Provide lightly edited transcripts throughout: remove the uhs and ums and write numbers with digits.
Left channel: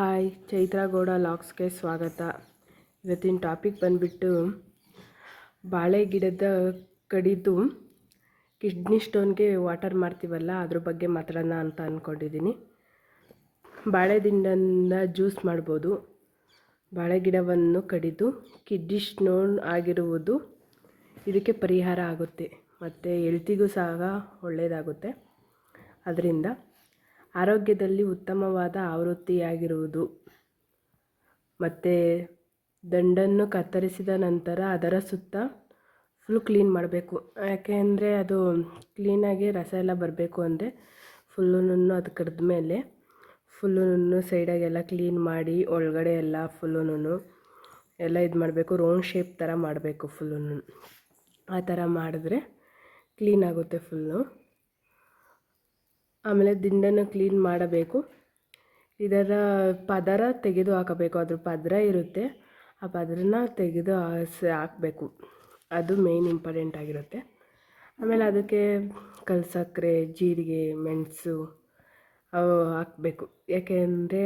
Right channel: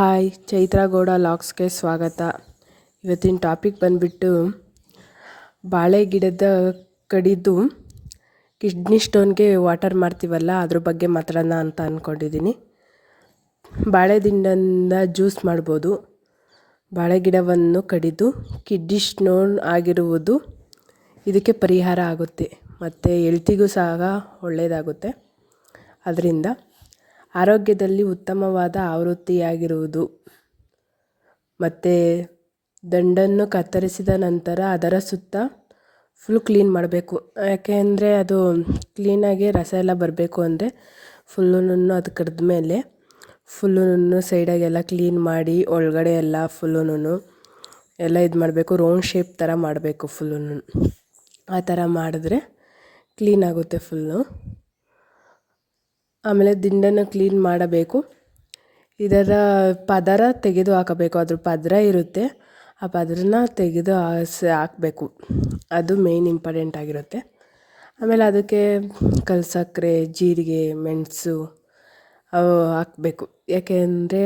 Hi, Chaitra Gowda ಲಾಗ್ಸ್ಗೆ ಸ್ವಾಗತ. ಇವತ್ತಿನ topic ಬಂದುಬಿಟ್ಟು ಬಾಳೆ ಗಿಡದ ಕಡಿದು ಕಿಡ್ನಿ ಸ್ಟೋನ್ಗೆ ವಾಟರ್ ಮಾಡ್ತೀವಲ್ಲ ಅದ್ರ ಬಗ್ಗೆ ಮಾತಾಡೋಣ ಅಂತ ಅಂದ್ಕೊಂಡಿದ್ದೀನಿ. ಬಾಳೆ ದಿಂಡಿಂದ ಜ್ಯೂಸ್ ಮಾಡ್ಬೋದು. ಬಾಳೆ ಗಿಡವನ್ನು ಕಡಿದು ಕಿಡ್ನಿ ಸ್ಟೋನ್ ಆಗಿರುವುದು ಇದಕ್ಕೆ ಪರಿಹಾರ ಆಗುತ್ತೆ ಮತ್ತು ಹೆಲ್ತಿಗೂ ಸಹ ಒಳ್ಳೆಯದಾಗುತ್ತೆ. ಅದರಿಂದ ಆರೋಗ್ಯದಲ್ಲಿ ಉತ್ತಮವಾದ ಆವೃತ್ತಿಯಾಗಿರುವುದು. ಮತ್ತು ದಂಡನ್ನು ಕತ್ತರಿಸಿದ ನಂತರ ಅದರ ಸುತ್ತ ಫುಲ್ ಕ್ಲೀನ್ ಮಾಡಬೇಕು. ಯಾಕೆ ಅಂದರೆ ಅದು ಕ್ಲೀನಾಗಿ ರಸ ಎಲ್ಲ ಬರಬೇಕು ಅಂದರೆ ಫುಲ್ಲುನು ಅದು ಕಡ್ದ ಮೇಲೆ ಫುಲ್ಲುನು ಸೈಡಾಗೆಲ್ಲ ಕ್ಲೀನ್ ಮಾಡಿ ಒಳಗಡೆ ಎಲ್ಲ ಫುಲ್ಲುನು ಎಲ್ಲ ಇದು ಮಾಡಬೇಕು. ರೌಂಡ್ ಶೇಪ್ ಥರ ಮಾಡಬೇಕು ಫುಲ್ಲುನು. ಆ ಥರ ಮಾಡಿದ್ರೆ ಕ್ಲೀನ್ ಆಗುತ್ತೆ ಫುಲ್ಲು. ಆಮೇಲೆ ದಿಂಡನ್ನು ಕ್ಲೀನ್ ಮಾಡಬೇಕು. ಇದರ ಪದರ ತೆಗೆದು ಹಾಕಬೇಕು. ಅದ್ರ ಪದರ ಇರುತ್ತೆ, ಆ ಪದರನ ತೆಗೆದು ಹಾಕಬೇಕು. ಅದು ಮೇಯ್ನ್ ಇಂಪಾರ್ಟೆಂಟ್ ಆಗಿರುತ್ತೆ. ಆಮೇಲೆ ಅದಕ್ಕೆ ಕಲ್ಸಕ್ಕರೆ, ಜೀರಿಗೆ, ಮೆಣಸು ಅವು ಹಾಕಬೇಕು. ಯಾಕೆ ಅಂದರೆ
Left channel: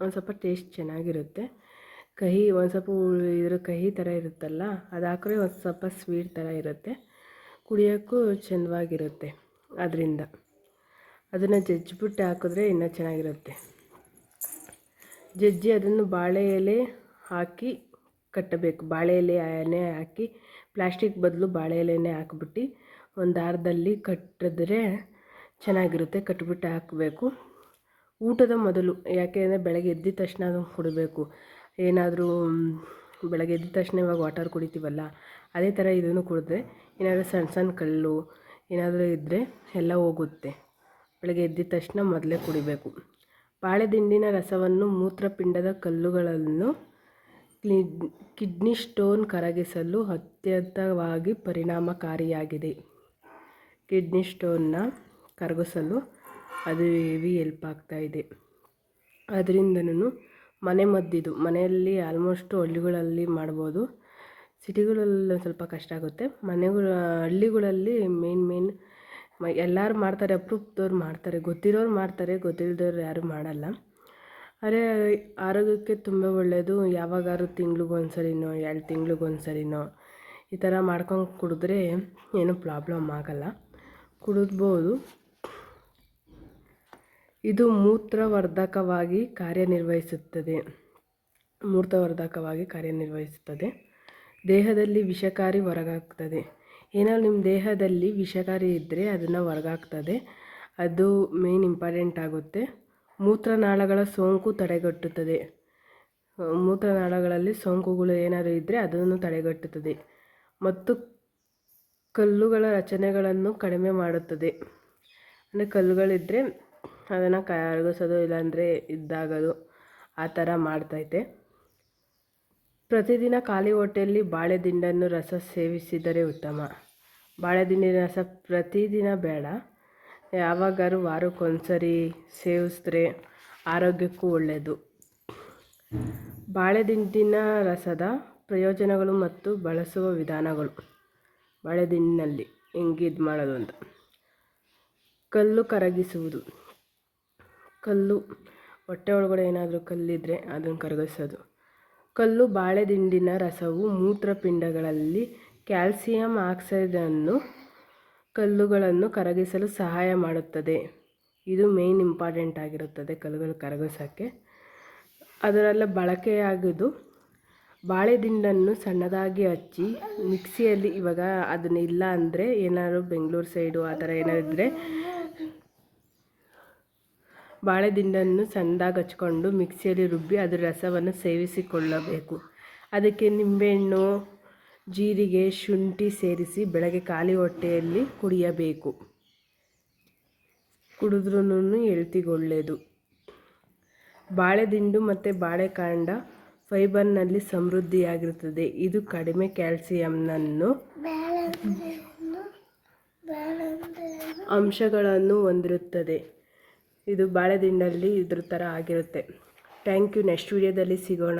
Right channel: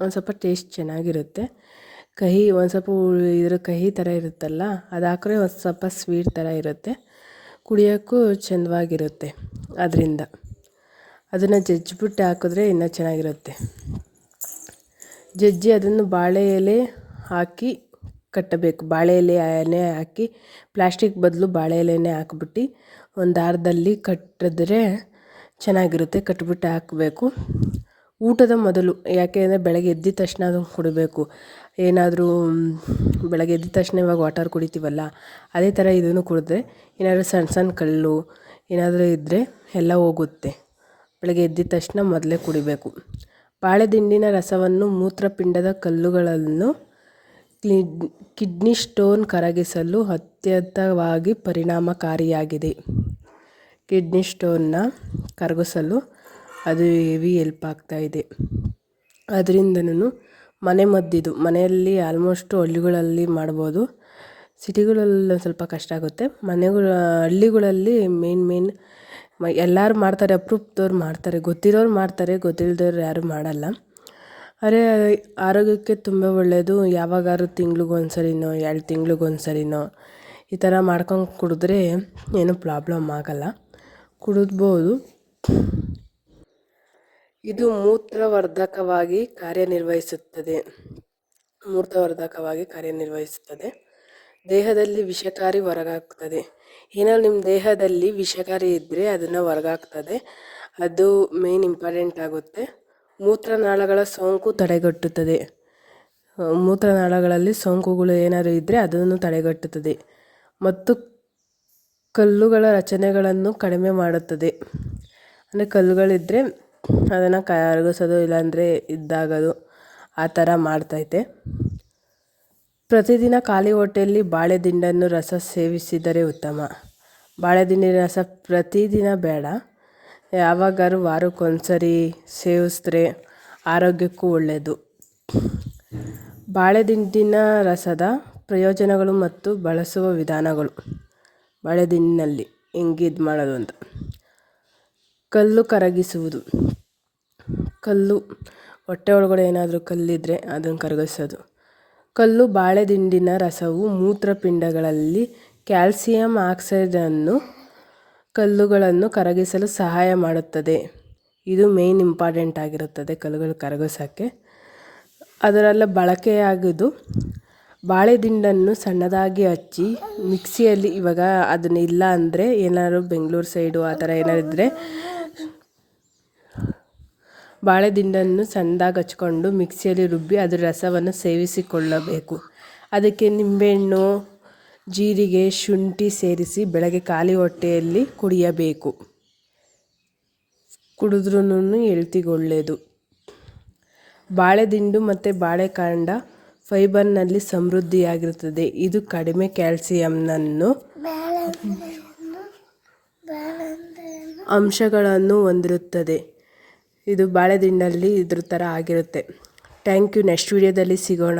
ಒಂದು ಸ್ವಲ್ಪ ಟೇಸ್ಟ್ ಚೆನ್ನಾಗಿರುತ್ತೆ. ಕಹಿ ಒಂದು ಸ್ವಲ್ಪ ಇದ್ರ ಕಹಿ ಥರ ಇರುತ್ತಲ್ಲ, ಅದು ಹಾಕಿದ್ರೆ ಒಂದು ಸ್ವಲ್ಪ ಸ್ವೀಟ್ ಥರ ಇರುತ್ತೆ, ಕುಡಿಯೋಕ್ಕೂ ಚೆಂದವಾಗಿರುತ್ತೆ. ಅದರಿಂದ ಅದನ್ನು ಜಜ್ಜಿಬಿಟ್ಟು ಹಾಕಿದ್ರೆ ಇನ್ನೂ ಚೆನ್ನಾಗಿರುತ್ತೆ. ಜಜ್ಜಿ ಅದನ್ನು ಬಾಳೆ ಎಲೆ ಹಾಕಿ ಕಟ್ಟಬೇಕು. ಬಾಳೆ ಎಲೆನೇ ಹಾಕಿ, ಪ್ಲಾಸ್ಟಿಕ್ ಬದಲು ಬಾಳೆ ಎಲೆನೇ ಹಾಕ್ಬಿಟ್ಟು ಒಂದು ದಾರದಲ್ಲಿ ಕಟ್ಟಿದ್ರೆ ಚೆನ್ನಾಗಿರುತ್ತೆ. ಕಟ್ಬಿಟ್ಟು ಹಾಕಬೇಕು ಊಟದ ಮೊದಲು. ಯಾಕೆ ಅಂದರೆ ಬೆಳಗ್ಗೆ ಎದ್ದಿದ ತಕ್ಷಣ ಅದನ್ನು ಕುಡಿಬೇಕು. ಏನಾದರೂ ಬೆಳಗ್ಗೆ ಎದ್ದಿದ ತಕ್ಷಣ ಇವಾಗ ವಾಟರ್ ಕುಡಿತೀವಲ್ಲ, ಅದೇ ಥರ ಇದನ್ನು ಕುಡಿದ್ರೆ ಏನಾದರೂ ಸಣ್ಣ ಸಣ್ಣ ಕಲ್ಲು ಏನಾದರೂ ಇದ್ದರೆ ಎಲ್ಲ ಹೋಗುತ್ತೆ. ಬೆಳಗ್ಗೆ ಎದ್ದಿದ ತಕ್ಷಣ ಮೊದಲೇ ಕುಡಿಬೇಕು. ಬಾಳೆ ದಿಂಡಿನ ರಸವನ್ನು ಮೂತ್ರಪಿಂಡದ ಕಲ್ಲುಗಳನ್ನು ಕಿಡ್ನಿ ಸ್ಟೋನ್ ಕರಗಿಸಲು ಅತ್ಯಂತವಾಗಿ ಪರಿಣಾಮಕಾರಿಯಾಗಿದೆ. ಕಿಡ್ನಿ ಸ್ಟೋನ್ನ ಕರಗಿಸಲು ಅದು ಹೆವಿ ಹೆಲ್ಪ್ ಆಗ್ತಾಯಿದೆ. ಅದರಿಂದನೂ ಮನೆಮದ್ದಿದು. ಮನೆಯಲ್ಲಿ ಆಲ್ಮೋಸ್ಟು ಹಳ್ಳಿಗಳಲ್ಲಿ ಮಾಡ್ಬೋದು. ಸಿಟಿಗಳಲ್ಲಿ ಸ್ವಲ್ಪ ಕಷ್ಟ ಆಗುತ್ತೆ. ಹಳ್ಳಿಗಳಲ್ಲಿ ಮೇನ್ ಎಲ್ಲರೂ ಮಾಡ್ತಾರೆ, ಅಪರೂಪದವ್ರು ಮಾಡ್ತಾರೆ, ಗೊತ್ತಿರೋರು ಮಾಡ್ತಾರೆ, ಗೊತ್ತಿಲ್ಲದವ್ರು ಯಾರೂ ಮಾಡಲ್ಲ. ಆದರೆ ಆರೋಗ್ಯಕ್ಕೆ ತುಂಬ ಒಳ್ಳೆಯದು. ಯಾವಾಗಾದ್ರೂ ತಿಂಗ್ಳಿಗೊಂದು ಸರಿನೋ 2 ತಿಂಗ್ಳಿಗೊಂದು ಸರಿನೋ ಈ ಥರ ಮಾಡ್ಕೊಂಡು ಕುಡಿದ್ರೆ ಏನೂ ಪ್ರಾಬ್ಲಮ್ ಆಗಲ್ಲ, ಕುಡಿದ್ಬೋದು. ಇದು ಮೂತ್ರವರ್ಧಕವಾಗಿ ಕಾರ್ಯನಿರ್ವಹಿಸುತ್ತದೆ. ದೇಹದಲ್ಲಿ ವಿಷಕಾರಿ ಹೊರಗಾಗ್ತದೆ. ಏನಾದ್ರು ನಿಮ್ಮ ದೇಹದಲ್ಲಿ ವಿಷಕಾರಿ ಇದ್ದರೆ ಅದನ್ನು ಹೊರಗಾಗ್ತದೆ. ಅದು ಮೇನ್ ಇಂಪಾರ್ಟೆಂಟ್ ಆಗುತ್ತೆ. ಮೂತ್ರನಾಳಗಳ ಸೋಂಕು ತಡೆಗಟ್ಟುತ್ತದೆ. ಮೂತ್ರನಾಳಗಳಲ್ಲಿ ಸೋಂಕುಗಳು ಏನಾದರೂ ಇದ್ದರೆ ಅದನ್ನು ತಡೆಗಟ್ಟುತ್ತದೆ ಮತ್ತು ಕಲ್ಲುಗಳ ರಚನೆಗಳನ್ನು ಕಡಿಮೆ ಮಾಡುತ್ತದೆ. ಅಂದರೆ ಕಲ್ಲುಗಳಿದ್ದರೆ ಅದನ್ನು ಕರಗಿಸೋದು, ಇಲ್ಲಾಂದರೆ ಇದ್ದಾಗೋದು ಆ ಥರ ಮಾಡ್ತೈತೆ. ಪ್ರತಿದಿನ ಖಾಲಿ ಹೊಟ್ಟೆಯಲ್ಲಿ ಬಾಳೆ ದಿಂಡನ್ನು ರಸ ಸೇವಿಸಿದರೆ ಉತ್ತಮ. ಬಾಳೆ ದಿಂಡಿನ ರಸ ಪ್ರತಿದಿನ ಬೇಡ, ಯಾವಾಗಾದ್ರೂ ವಾರಕ್ಕೊಂದ್ಸರಿ ಸೇವಿಸಿದ್ರೆ ಆರೋಗ್ಯಕ್ಕೂ ಒಳ್ಳೆಯದು. ಬಾಳೆ ದಿಂಡಿನ ರಸದ ಪ್ರಯೋಜನಗಳು ಮತ್ತು ಬಳಸುವ ವಿಧಾನಗಳು. ಬಾಳೆ ದಿಂಡಿನಲ್ಲಿ ಹೆಂಗೆ ಇದು ಮಾಡೋದು ಅಂತ. ಕಲ್ಲು ಕರಗಿಸುವುದು. ಕಲ್ಲು ಹೊಟ್ಟೆ ಒಳಗಡೆ ಏನಾದರೂ ಕಲ್ಲಿದ್ದರೆ ಅದನ್ನು ಕರಗಿಸೋದು. ಕಲ್ಲು ಬಾಳೆ ದಿಂಡಿನ ರಸವು ಮೂತ್ರಪಿಂಡಗಳಲ್ಲಿ ಕ್ಯಾಲ್ಸಿಯಂ ಆಕ್ಸೈಡನ್ನು ಕಲ್ಲುಗಳನ್ನು ಕರಗಿಸಲು ಸಹಾಯ ಮಾಡುತ್ತದೆ. ಇದು ಮೇಯ್ನ್ ಇಂಪಾರ್ಟೆಂಟ್ ಆಗಿರುತ್ತದೆ ಕಲ್ಲುಗಳು ಕರಗಿಸೋಕ್ಕೆ. ಅದರೆಲ್ಲ ಬಳಕೆಯಾಗೋದು ಬಾಳೆ ದಿಂಡನ್ನು ಸಣ್ಣದಾಗಿ ಹಚ್ಚಿ ಮಿಕ್ಸಿಯಲ್ಲಿ, ಇವಾಗ ಅದನ್ನ ಇಲ್ಲ ಅಂದರೆ ಏನಾದ್ರು ಬೆಂಗಳೂರು ಸೈಡು ಆ ಥರ ಏನಾದ್ರು ಇದ್ದರೆ ಬಾಳೆ ದಿಂಡನ್ನು ಸಣ್ಣದಾಗಿ ಹಚ್ಕೊಂಡು ಮಿಕ್ಸಿಯಲ್ಲಿ ರುಬ್ಬಿ ಅದರ ರಸವನ್ನು ಸೇವಿಸಿಕೊಳ್ಳಬೇಕು. ಅದಕ್ಕೆ ನಿಂಬೆಹಣ್ಣು, ಜೀರಿಗೆ, ಶುಂಠಿ ಸೇರಿಸಿ ಬೆಳಗ್ಗೆ ಖಾಲಿ ಹೊಟ್ಟೆಯಲ್ಲಿ ಕುಡಿಯಬೇಕು. ಕುಡಿದ್ರೂ ಹೆಲ್ತಿಗೆ ಒಳ್ಳೆಯದು. ಬಾಳೆ ದಿಂಡು ಮತ್ತು ಬಾಳೆಕಾಂಡ ಫೈಬರ್ನಲ್ಲಿ ಸಮೃದ್ಧಿಯಾಗಿರುತ್ತದೆ. ಇದು ಕಡಿಮೆ ಕ್ಯಾಲ್ಸಿಯಂನನ್ನು ಅಂಶಗಳನ್ನು ಹೊಂದಿರುತ್ತದೆ. ಇದು ಬಾಳೆ ದಿಂಡಲ್ಲಿ ಇದ್ರ ಥರ ಆಗಿರುತ್ತೆ. Thank you. ನೆಕ್ಸ್ಟ್ ವೀಡಿಯೋದಲ್ಲಿ ಸಿಗೋಣ.